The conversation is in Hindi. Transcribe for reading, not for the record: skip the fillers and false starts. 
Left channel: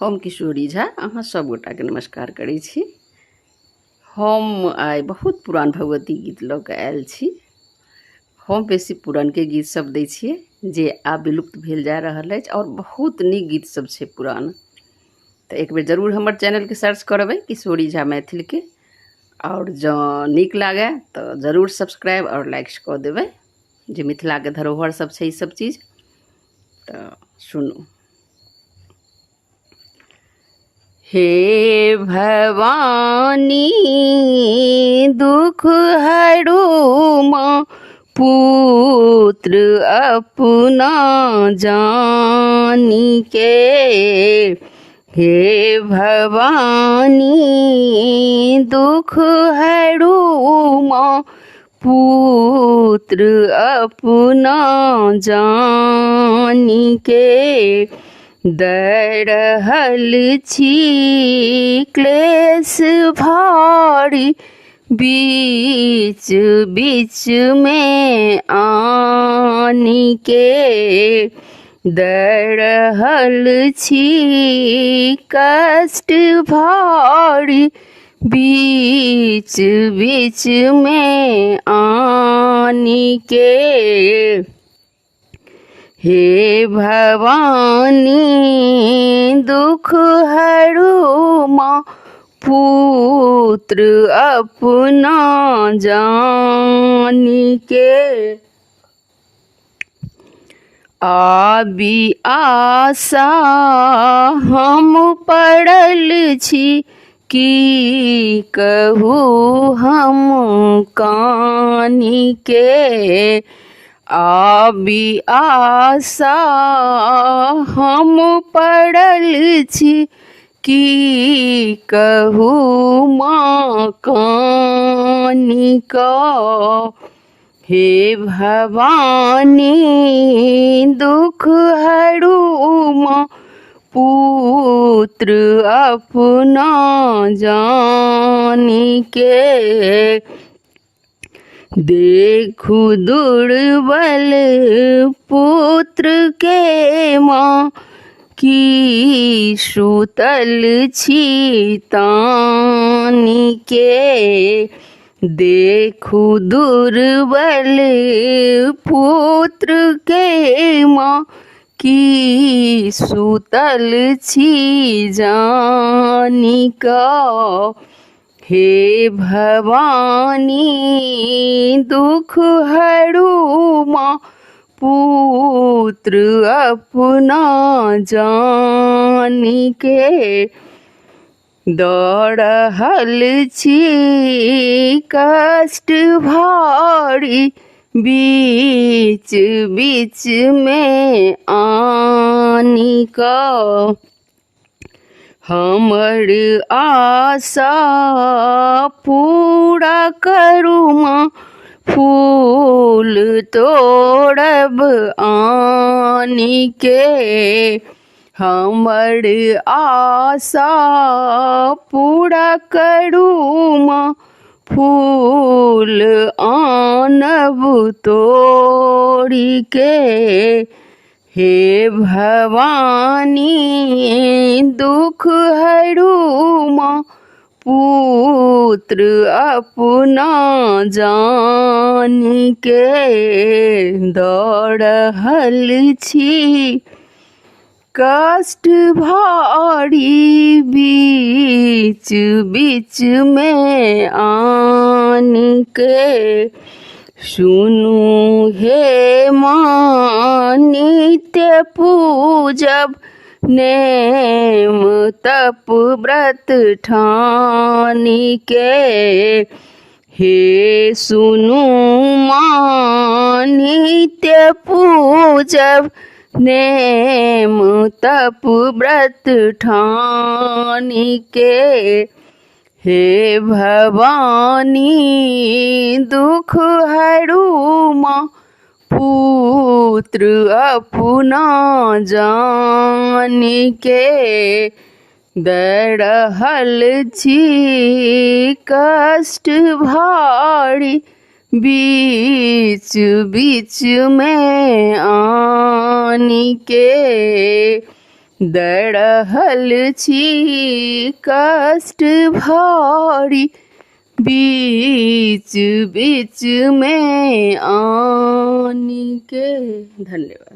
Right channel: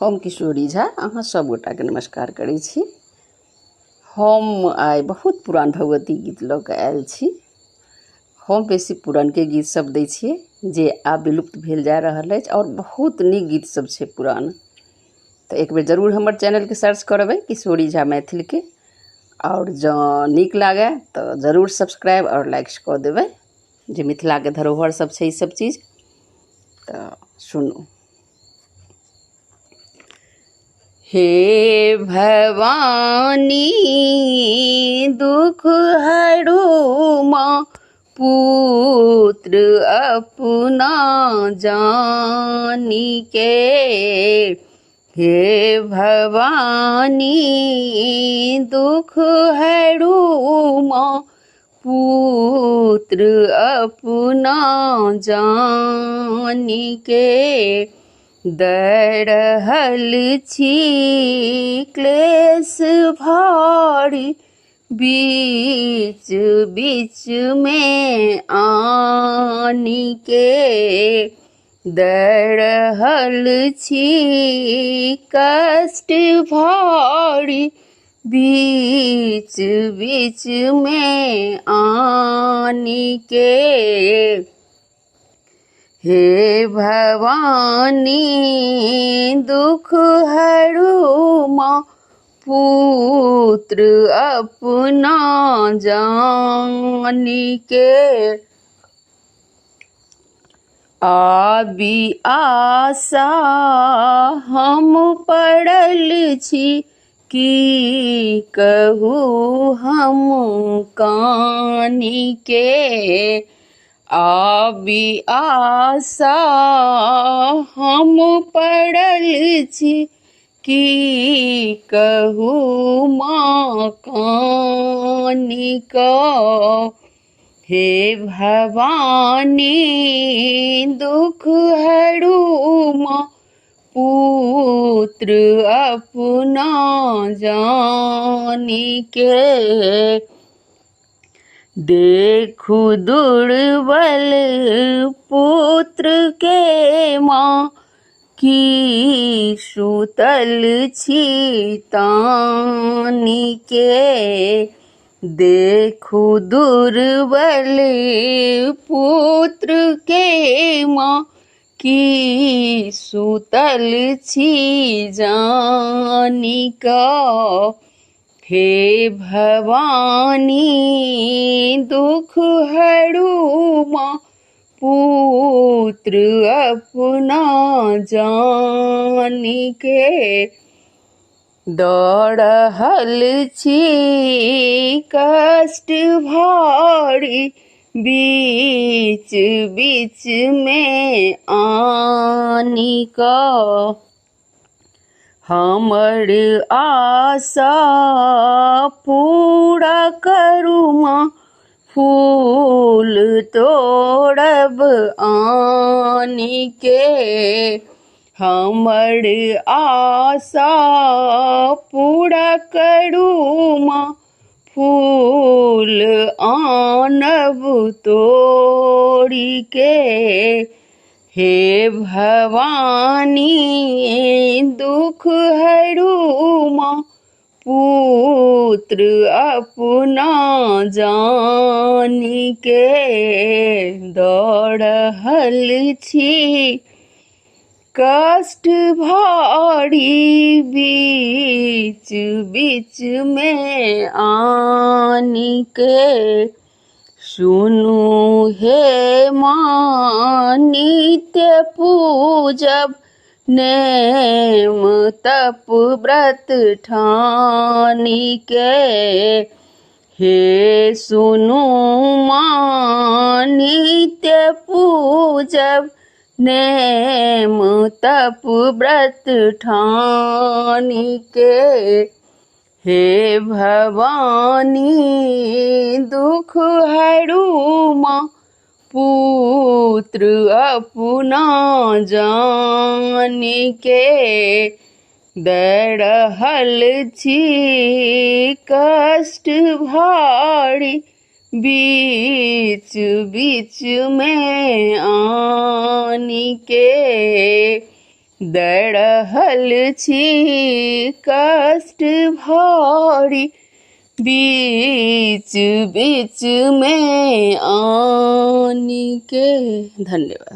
हम किशोरी झा अहाँ सब गोटाके नमस्कार करै छी। हम आइ बहुत पुरान भगवती गीत लऽ कऽ आयल छी। हम बेसी पुरानके गीत सब दै छियै जे आब विलुप्त भेल जा रहल अछि और बहुत नीक गीत सब छै पुरान। तऽ एक बेर जरूर हमर चैनलके सर्च करबै किशोरी झा मैथिलके, और जँ नीक लागै तऽ जरूर सब्सक्राइब और लाइक कऽ देबै। जे मिथिलाके धरोहर सब छै ई सब चीज तऽ सुनू। हे भवानी दुख हरू माँ पुत्र अपना जानी के। हे भवानी दुख हरू माँ पुत्र अपना जानी के। दै रहल छी क्लेश भारी बीच बीच में आनी के। दै रहल छी कष्ट भारी बीच बीच में आनी के। हे भवानी दुख हरू माँ पुत्र अपना जानी के। आबि आशा हम पड़ल छी की कहू हम कानी के। आबि आशा हम पड़ल छी की कहू माँ कानी का। हे भवानी दुख हरू माँ पुत्र अपना जानी के। देखू दुर्बल पुत्र के माँ की सुतल छी तानी के। देखू दुर्बल पुत्र के माँ की सुतल छी जानी का। हे भवानी दुख हरू माँ पुत्र अपना जानी के। दऽ रहल छी कष्ट भारी बीच बीच में आनी का। हमर आशा पूरा करू माँ फूल तोड़ब आनी के। हमर आशा पूरा करू माँ फूल आनब तोड़ी के। हे भवानी दुख हरू माँ पुत्र अपना जानी के। दऽ रहल छी कष्ट भारी बीच बीच में आनी के। सुनू हे माँ नित्य पूजब नेम तप व्रत ठानी के। हे सुनू माँ नित्य पूजब नेम तप व्रत ठानी के। हे भवानी दुख हरू माँ पुत्र अपना जानी के। दै रहल छी कष्ट भारी बीच बीच में आनी के। दरहल छी कष्ट भारी, बीच बीच में आन के। धन्यवाद।